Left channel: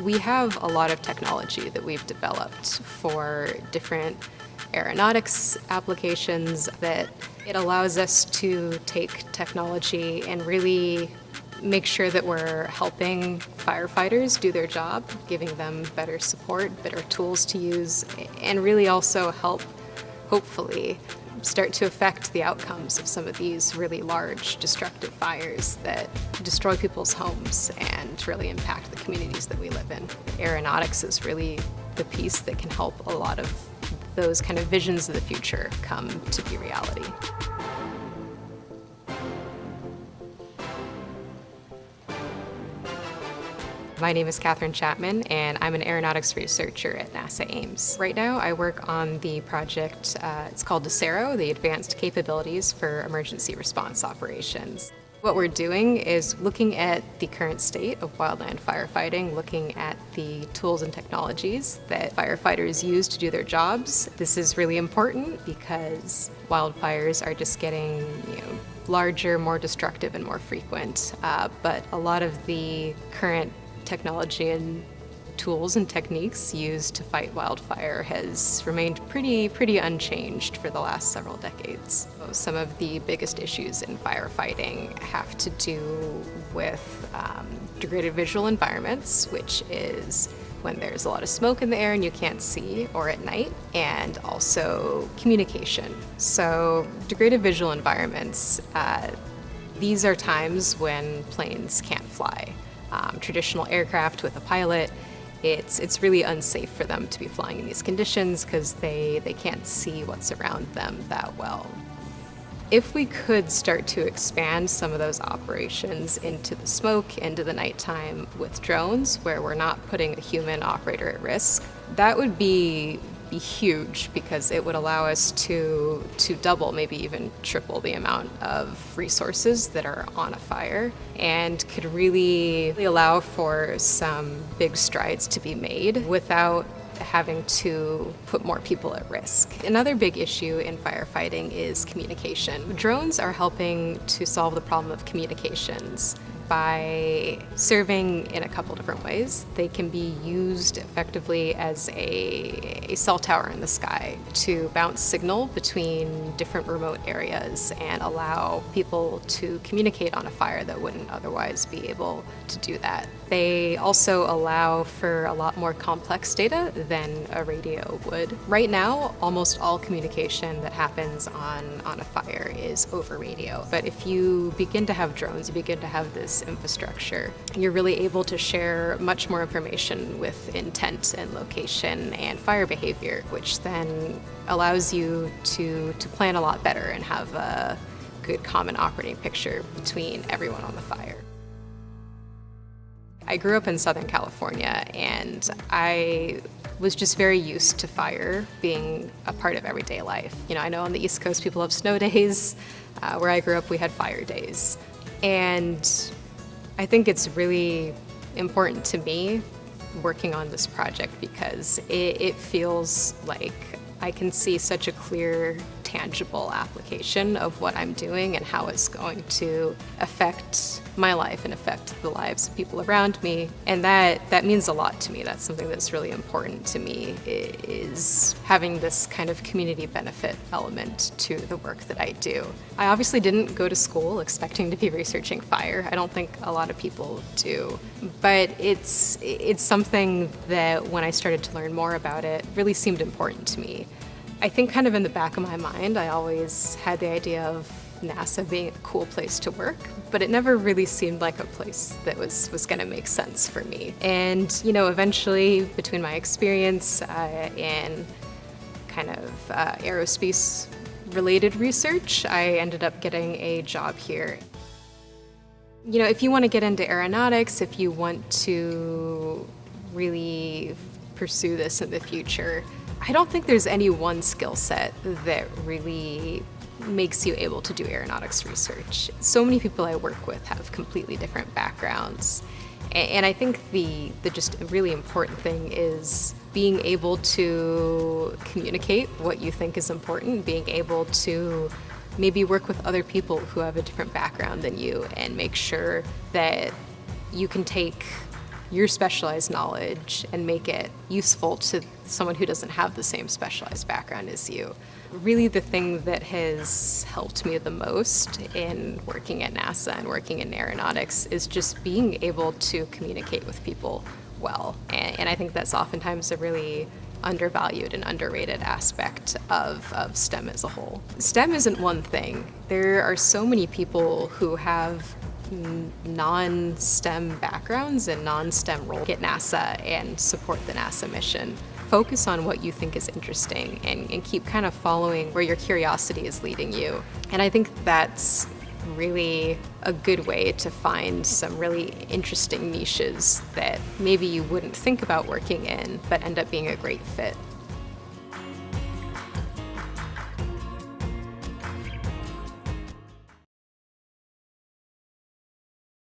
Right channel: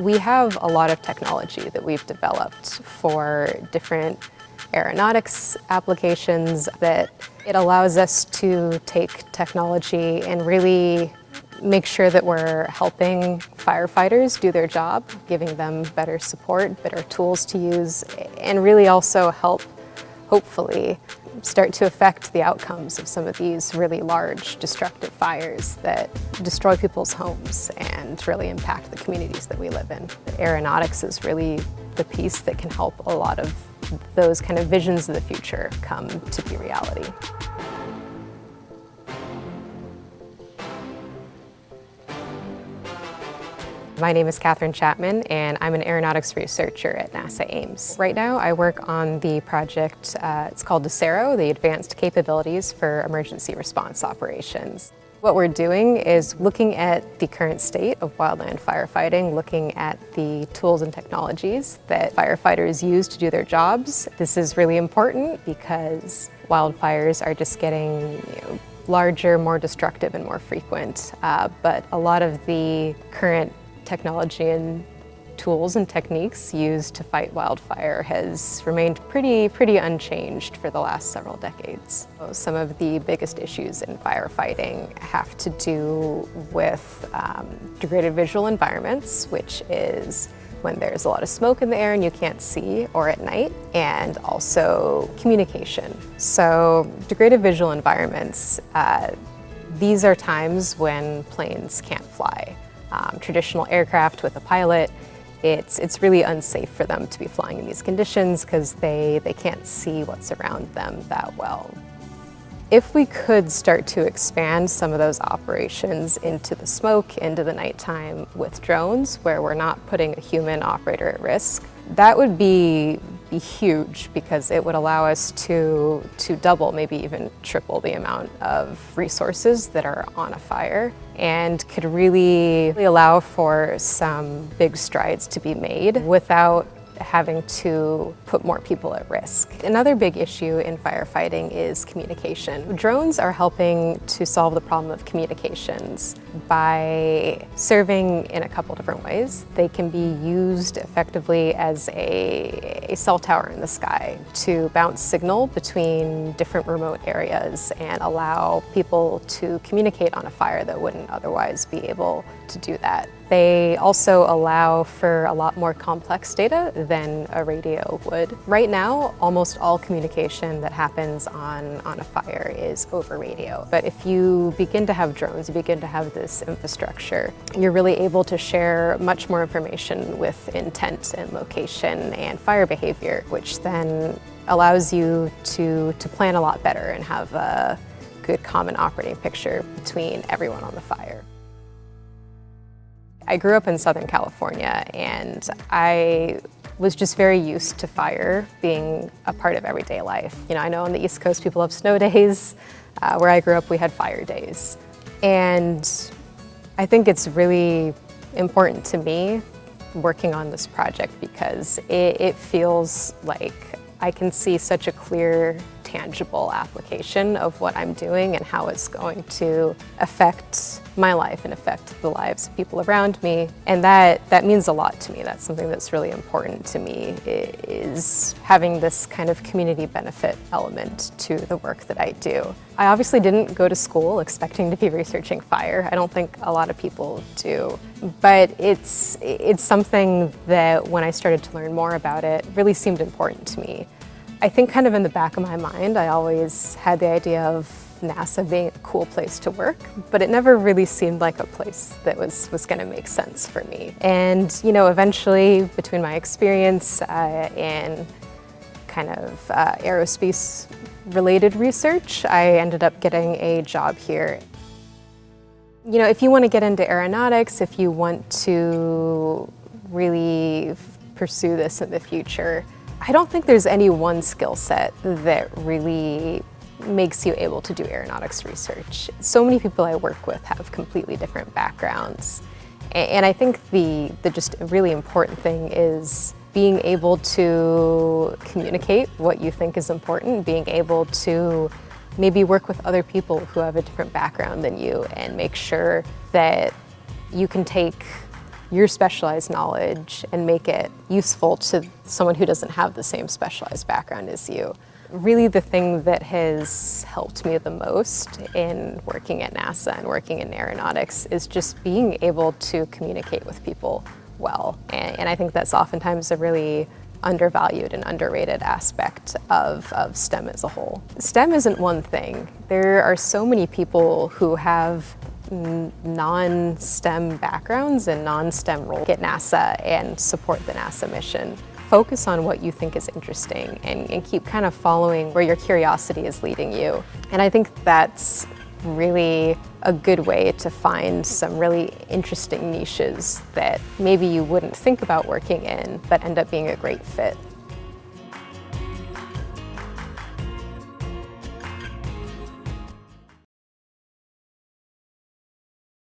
We have a lot of technology that we've developed for different aeronautics applications that it allows us to take technology and really make sure that we're helping firefighters do their job, giving them better support, better tools to use, and really also help, hopefully, start to affect the outcomes of some of these really large destructive fires that destroy people's homes and really impact the communities that we live in. Aeronautics is really the piece that can help a lot of those kind of visions of the future come to be reality. My name is Catherine Chapman, and I'm an aeronautics researcher at NASA Ames. Right now, I work on the project, it's called DESERO, the Advanced Capabilities for Emergency Response Operations. What we're doing is looking at the current state of wildland firefighting, looking at the tools and technologies that firefighters use to do their jobs. This is really important because wildfires are just getting, larger, more destructive, and more frequent. But a lot of the current technology and tools and techniques used to fight wildfire has remained pretty unchanged for the last several decades. Some of the biggest issues in firefighting have to do with degraded visual environments, which is when there's a lot of smoke in the air and you can't see, or at night, and also communication. So degraded visual environments, these are times when planes can't fly. Traditional aircraft with a pilot, it's really unsafe for them to be flying in these conditions because they can't see what's around them that well. If we could start to expand some of those operations into the smoke, into the nighttime with drones, where we're not putting a human operator at risk, that would be huge because it would allow us to double, maybe even triple the amount of resources that are on a fire, and could really allow for some big strides to be made without having to put more people at risk. Another big issue in firefighting is communication. Drones are helping to solve the problem of communications by serving in a couple different ways. They can be used effectively as a cell tower in the sky to bounce signal between different remote areas and allow people to communicate on a fire that wouldn't otherwise be able to do that. They also allow for a lot more complex data than a radio would. Right now, almost all communication that happens on a fire is over radio. But if you begin to have drones, you begin to have this infrastructure, you're really able to share much more information with intent and location and fire behavior, which then allows you to plan a lot better and have a good common operating picture between everyone on the fire. I grew up in Southern California, and I was just very used to fire being a part of everyday life. I know on the East Coast people have snow days. Where I grew up, we had fire days. And I think it's really important to me working on this project because it feels like I can see such a clear, tangible application of what I'm doing and how it's going to affect my life and affect the lives of people around me. And that means a lot to me. That's something that's really important to me, is having this kind of community benefit element to the work that I do. I obviously didn't go to school expecting to be researching fire. I don't think a lot of people do. But it's something that when I started to learn more about it, really seemed important to me. I think kind of in the back of my mind, I always had the idea of NASA being a cool place to work, but it never really seemed like a place that was going to make sense for me. And eventually, between my experience in kind of aerospace-related research, I ended up getting a job here. If you want to get into aeronautics, if you want to really pursue this in the future, I don't think there's any one skill set that really makes you able to do aeronautics research. So many people I work with have completely different backgrounds. And I think the just really important thing is being able to communicate what you think is important, being able to maybe work with other people who have a different background than you and make sure that you can take your specialized knowledge and make it useful to someone who doesn't have the same specialized background as you. Really the thing that has helped me the most in working at NASA and working in aeronautics is just being able to communicate with people well. And I think that's oftentimes a really undervalued and underrated aspect of STEM as a whole. STEM isn't one thing. There are so many people who have non-STEM backgrounds and non-STEM roles at NASA and support the NASA mission. Focus on what you think is interesting and keep kind of following where your curiosity is leading you. And I think that's really a good way to find some really interesting niches that maybe you wouldn't think about working in, but end up being a great fit.